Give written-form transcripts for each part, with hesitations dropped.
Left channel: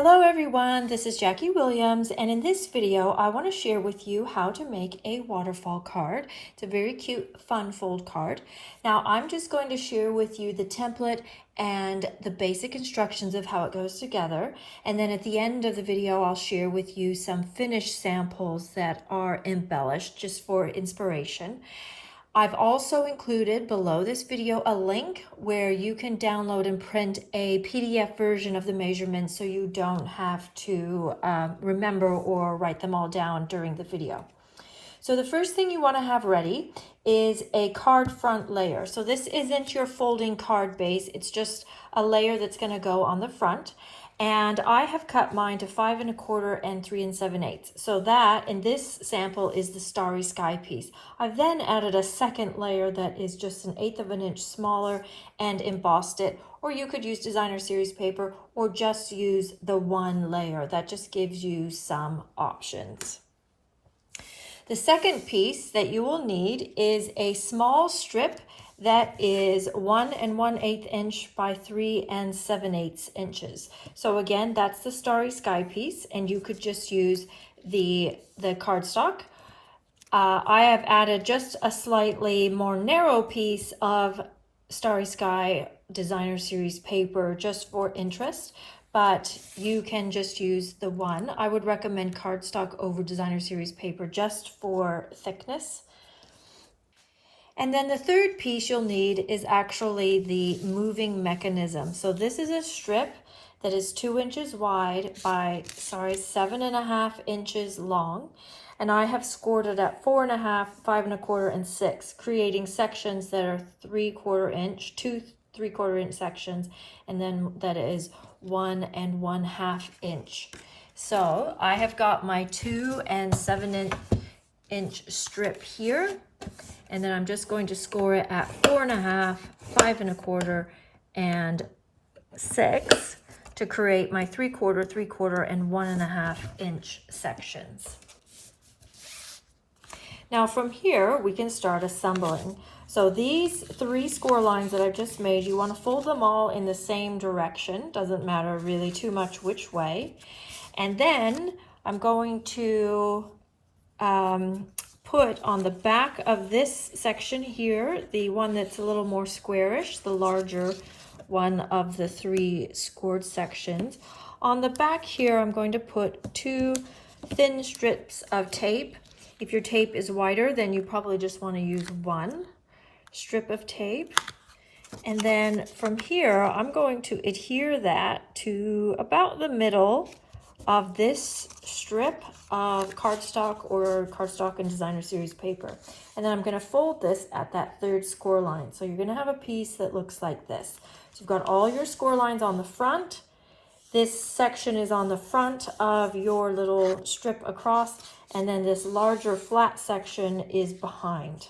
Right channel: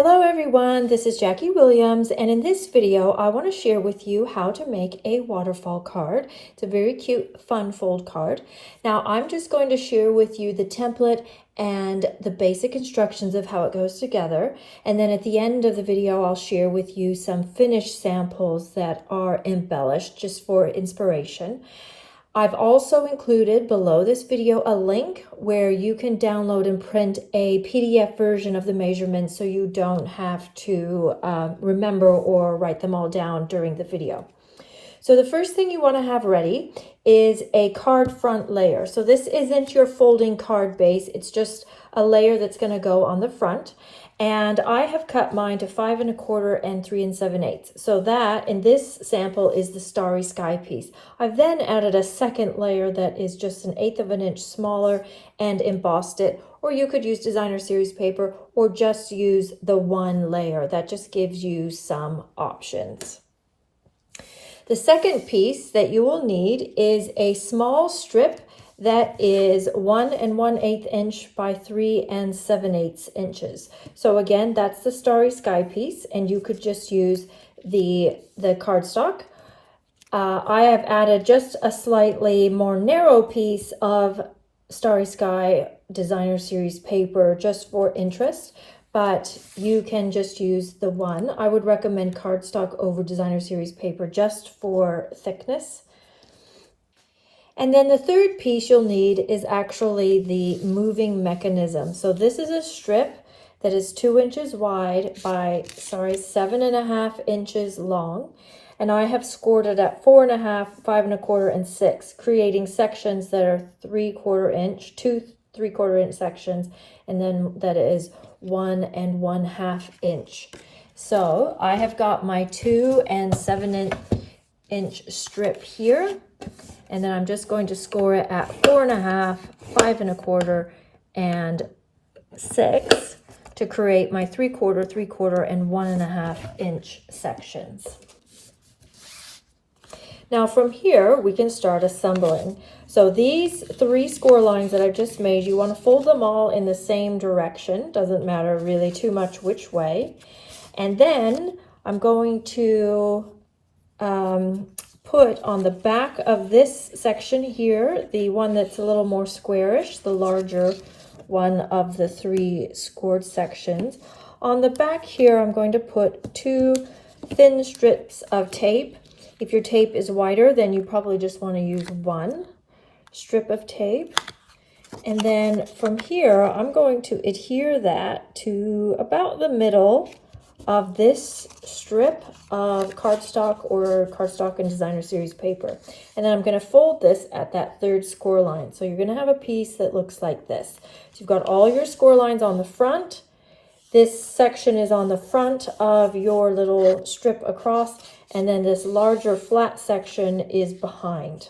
Hello everyone, this is Jackie Williams, and in this video I want to share with you how to make a waterfall card. It's a very cute fun fold card. Now I'm just going to share with you the template and the basic instructions of how it goes together, and then at the end of the video I'll share with you some finished samples that are embellished just for inspiration. I've also included below this video a link where you can download and print a PDF version of the measurements so you don't have to remember or write them all down during the video. So the first thing you want to have ready is a card front layer. So this isn't your folding card base, it's just a layer that's going to go on the front. And I have cut mine to 5 1/4 and 3 7/8. So that in this sample is the Starry Sky piece. I've then added a second layer that is just 1/8 of an inch smaller and embossed it, or you could use designer series paper or just use the one layer. That just gives you some options. The second piece that you will need is a small strip that is 1 1/8 inch by 3 7/8 inches. So again, that's the Starry Sky piece, and you could just use the cardstock. I have added just a slightly more narrow piece of Starry Sky designer series paper just for interest, but you can just use the one. I would recommend cardstock over designer series paper just for thickness. And then the third piece you'll need is actually the moving mechanism. So this is a strip that is 2 inches wide by, 7.5 inches long. And I have scored it at 4 1/2, 5 1/4, and 6, creating sections that are 3/4 inch, 2 3/4 inch sections, and then that is 1 1/2 inch. So I have got my 2 7/8 strip here. And then I'm just going to score it at 4 1/2, 5 1/4, and 6 to create my 3/4, 3/4, and 1 1/2 inch sections. Now from here, we can start assembling. So these 3 score lines that I've just made, you want to fold them all in the same direction. Doesn't matter really too much which way. And then I'm going to put on the back of this section here, the one that's a little more squarish, the larger one of the 3 scored sections. On the back here, I'm going to put 2 thin strips of tape. If your tape is wider, then you probably just want to use 1 strip of tape. And then from here, I'm going to adhere that to about the middle of this strip of cardstock or cardstock and designer series paper. And then I'm going to fold this at that 3rd score line. So you're going to have a piece that looks like this. So you've got all your score lines on the front. This section is on the front of your little strip across, and then this larger flat section is behind.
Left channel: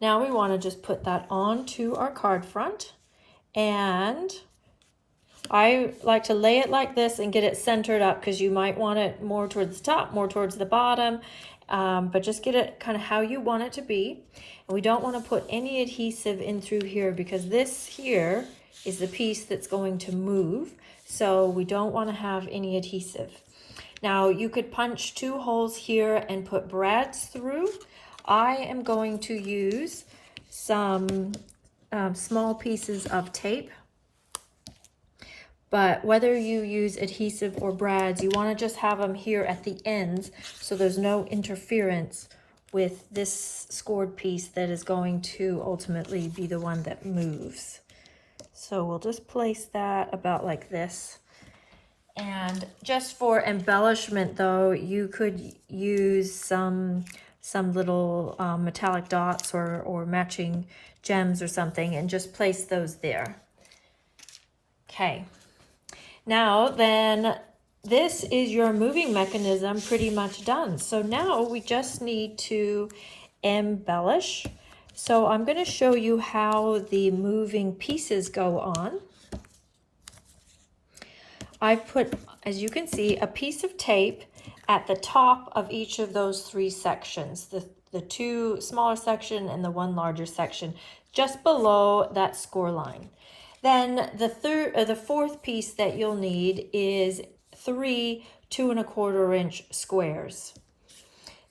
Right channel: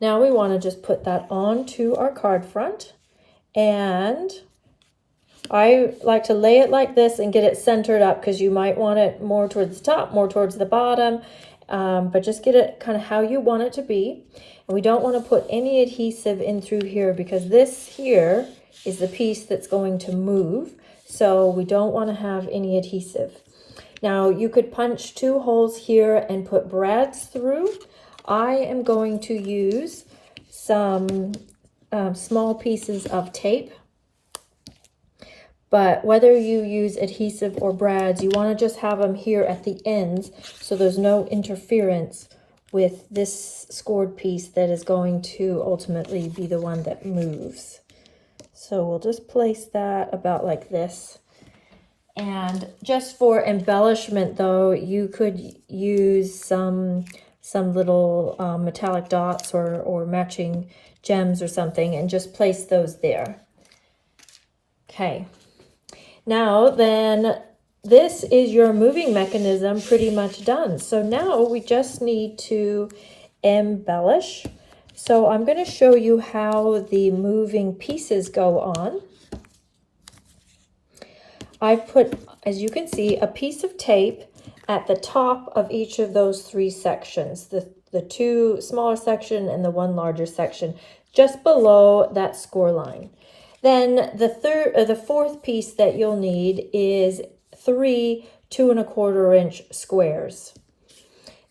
Now we want to just put that onto our card front, and I like to lay it like this and get it centered up because you might want it more towards the top, more towards the bottom, but just get it kind of how you want it to be. And we don't want to put any adhesive in through here because this here is the piece that's going to move. So we don't want to have any adhesive. Now you could punch 2 holes here and put brads through. I am going to use some small pieces of tape. But whether you use adhesive or brads, you want to just have them here at the ends so there's no interference with this scored piece that is going to ultimately be the one that moves. So we'll just place that about like this. And just for embellishment though, you could use some little metallic dots or matching gems or something and just place those there. Okay. Now then, this is your moving mechanism pretty much done. So now we just need to embellish. So I'm going to show you how the moving pieces go on. I've put, as you can see, a piece of tape at the top of each of those 3 sections, the 2 smaller section and the 1 larger section, just below that score line. Then the fourth piece that you'll need is 3 2¼ inch squares.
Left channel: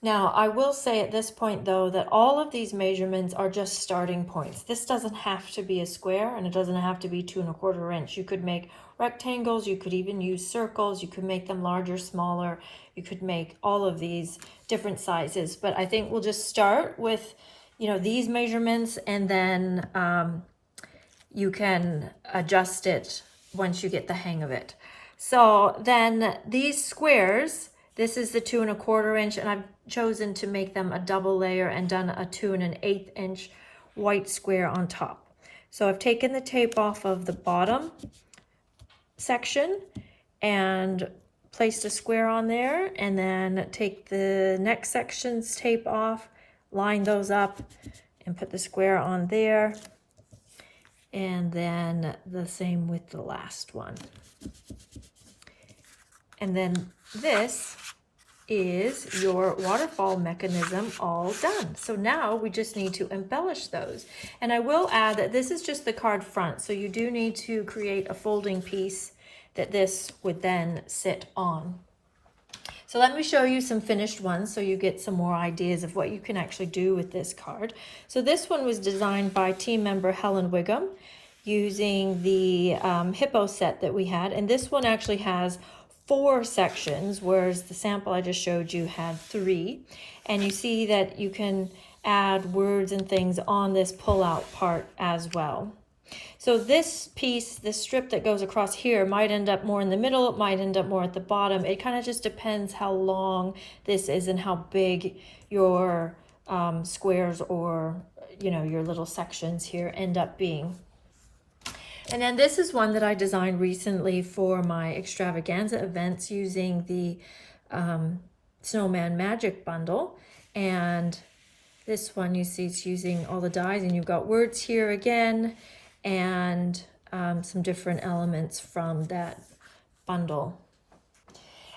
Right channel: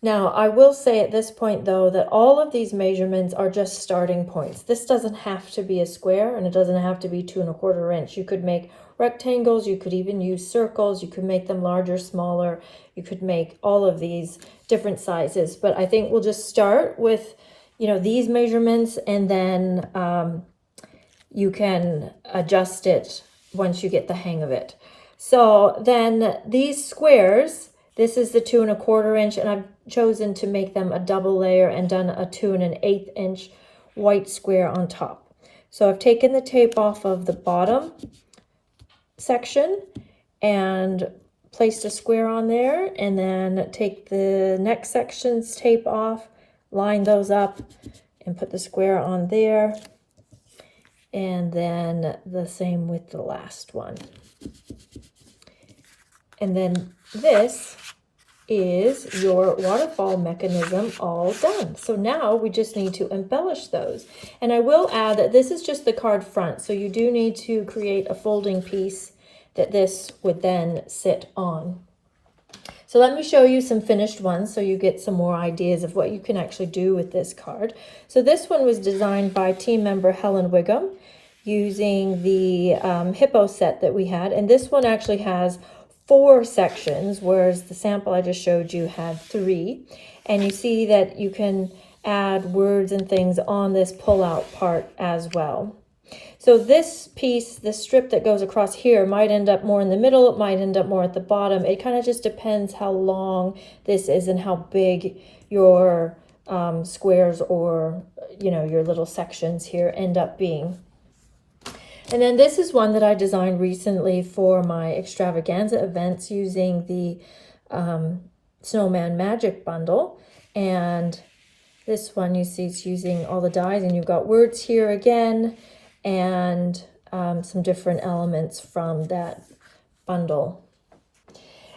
Now, I will say at this point, though, that all of these measurements are just starting points. This doesn't have to be a square, and it doesn't have to be 2¼ inch. You could make rectangles, you could even use circles, you could make them larger, smaller, you could make all of these different sizes. But I think we'll just start with, you know, these measurements, and then you can adjust it once you get the hang of it. So then these squares, this is the 2¼ inch, and I've chosen to make them a double layer and done a 2 1/8 inch white square on top. So I've taken the tape off of the bottom section and placed a square on there, and then take the next section's tape off, line those up, and put the square on there. And then the same with the last one. And then this is your waterfall mechanism all done. So now we just need to embellish those. And I will add that this is just the card front, so you do need to create a folding piece that this would then sit on. So let me show you some finished ones so you get some more ideas of what you can actually do with this card. So this one was designed by team member Helen Wiggum using the hippo set that we had. And this one actually has 4 sections, whereas the sample I just showed you had 3. And you see that you can add words and things on this pull-out part as well. So this piece, this strip that goes across here, might end up more in the middle, it might end up more at the bottom. It kind of just depends how long this is and how big your squares or, you know, your little sections here end up being. And then this is one that I designed recently for my extravaganza events using the Snowman Magic bundle. And this one, you see, it's using all the dies, and you've got words here again, and some different elements from that bundle.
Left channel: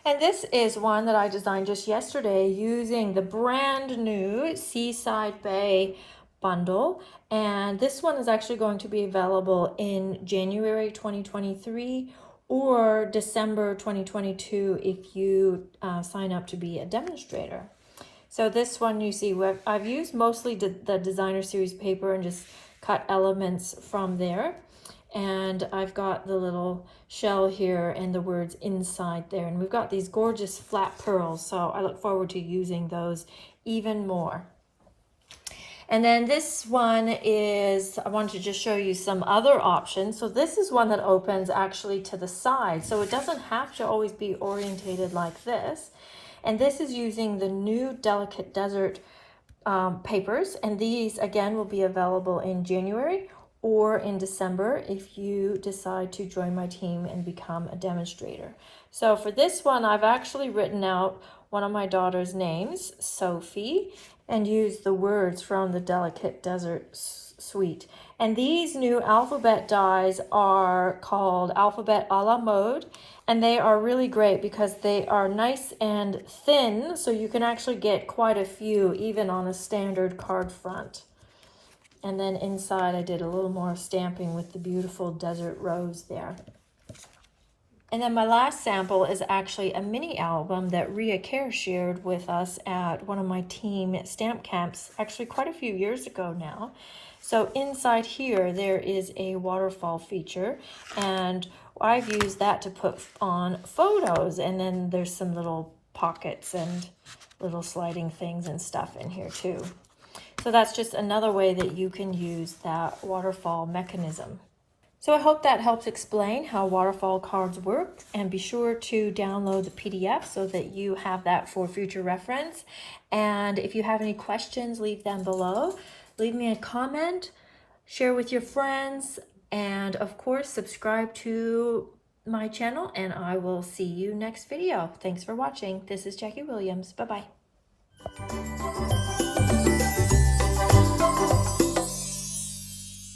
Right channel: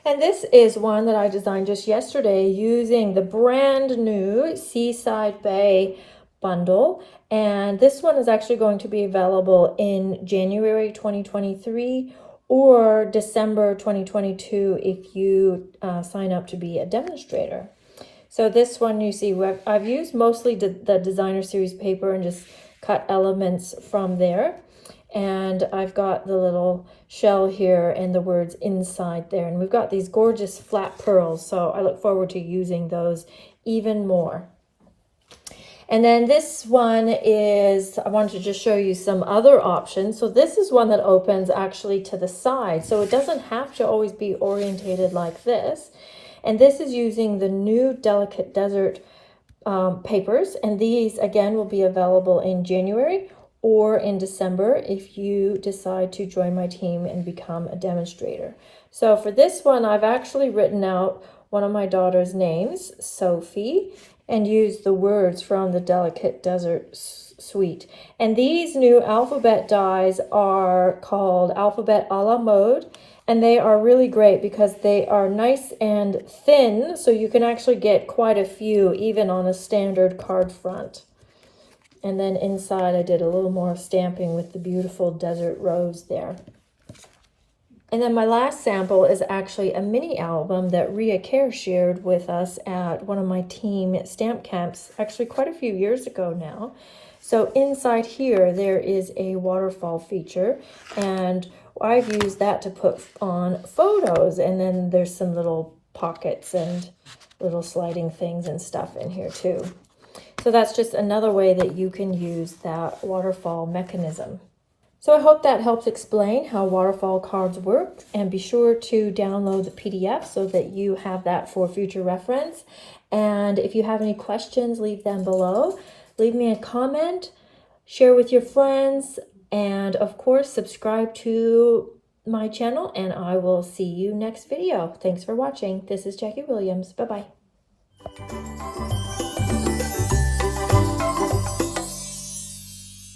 And this is one that I designed just yesterday using the brand new Seaside Bay bundle. And this one is actually going to be available in January 2023 or December 2022 if you sign up to be a demonstrator. So this one, you see, I've used mostly the designer series paper and just cut elements from there. And I've got the little shell here and the words inside there. And we've got these gorgeous flat pearls, so I look forward to using those even more. And then this one is, I wanted to just show you some other options. So this is one that opens actually to the side, so it doesn't have to always be orientated like this. And this is using the new Delicate Desert papers, and these again will be available in January or in December if you decide to join my team and become a demonstrator. So for this one, I've actually written out one of my daughter's names, Sophie, and used the words from the Delicate Desert suite. And these new alphabet dies are called Alphabet a la Mode, and they are really great because they are nice and thin, so you can actually get quite a few even on a standard card front. And then inside I did a little more stamping with the beautiful desert rose there. And then my last sample is actually a mini album that Ria Kerr shared with us at one of my team stamp camps, actually quite a few years ago now. So inside here, there is a waterfall feature, and I've used that to put on photos. And then there's some little pockets and little sliding things and stuff in here too. So that's just another way that you can use that waterfall mechanism. So I hope that helps explain how waterfall cards work, and be sure to download the PDF so that you have that for future reference. And if you have any questions, leave them below. Leave me a comment, share with your friends, and of course, subscribe to my channel, and I will see you next video. Thanks for watching. This is Jackie Williams. Bye-bye.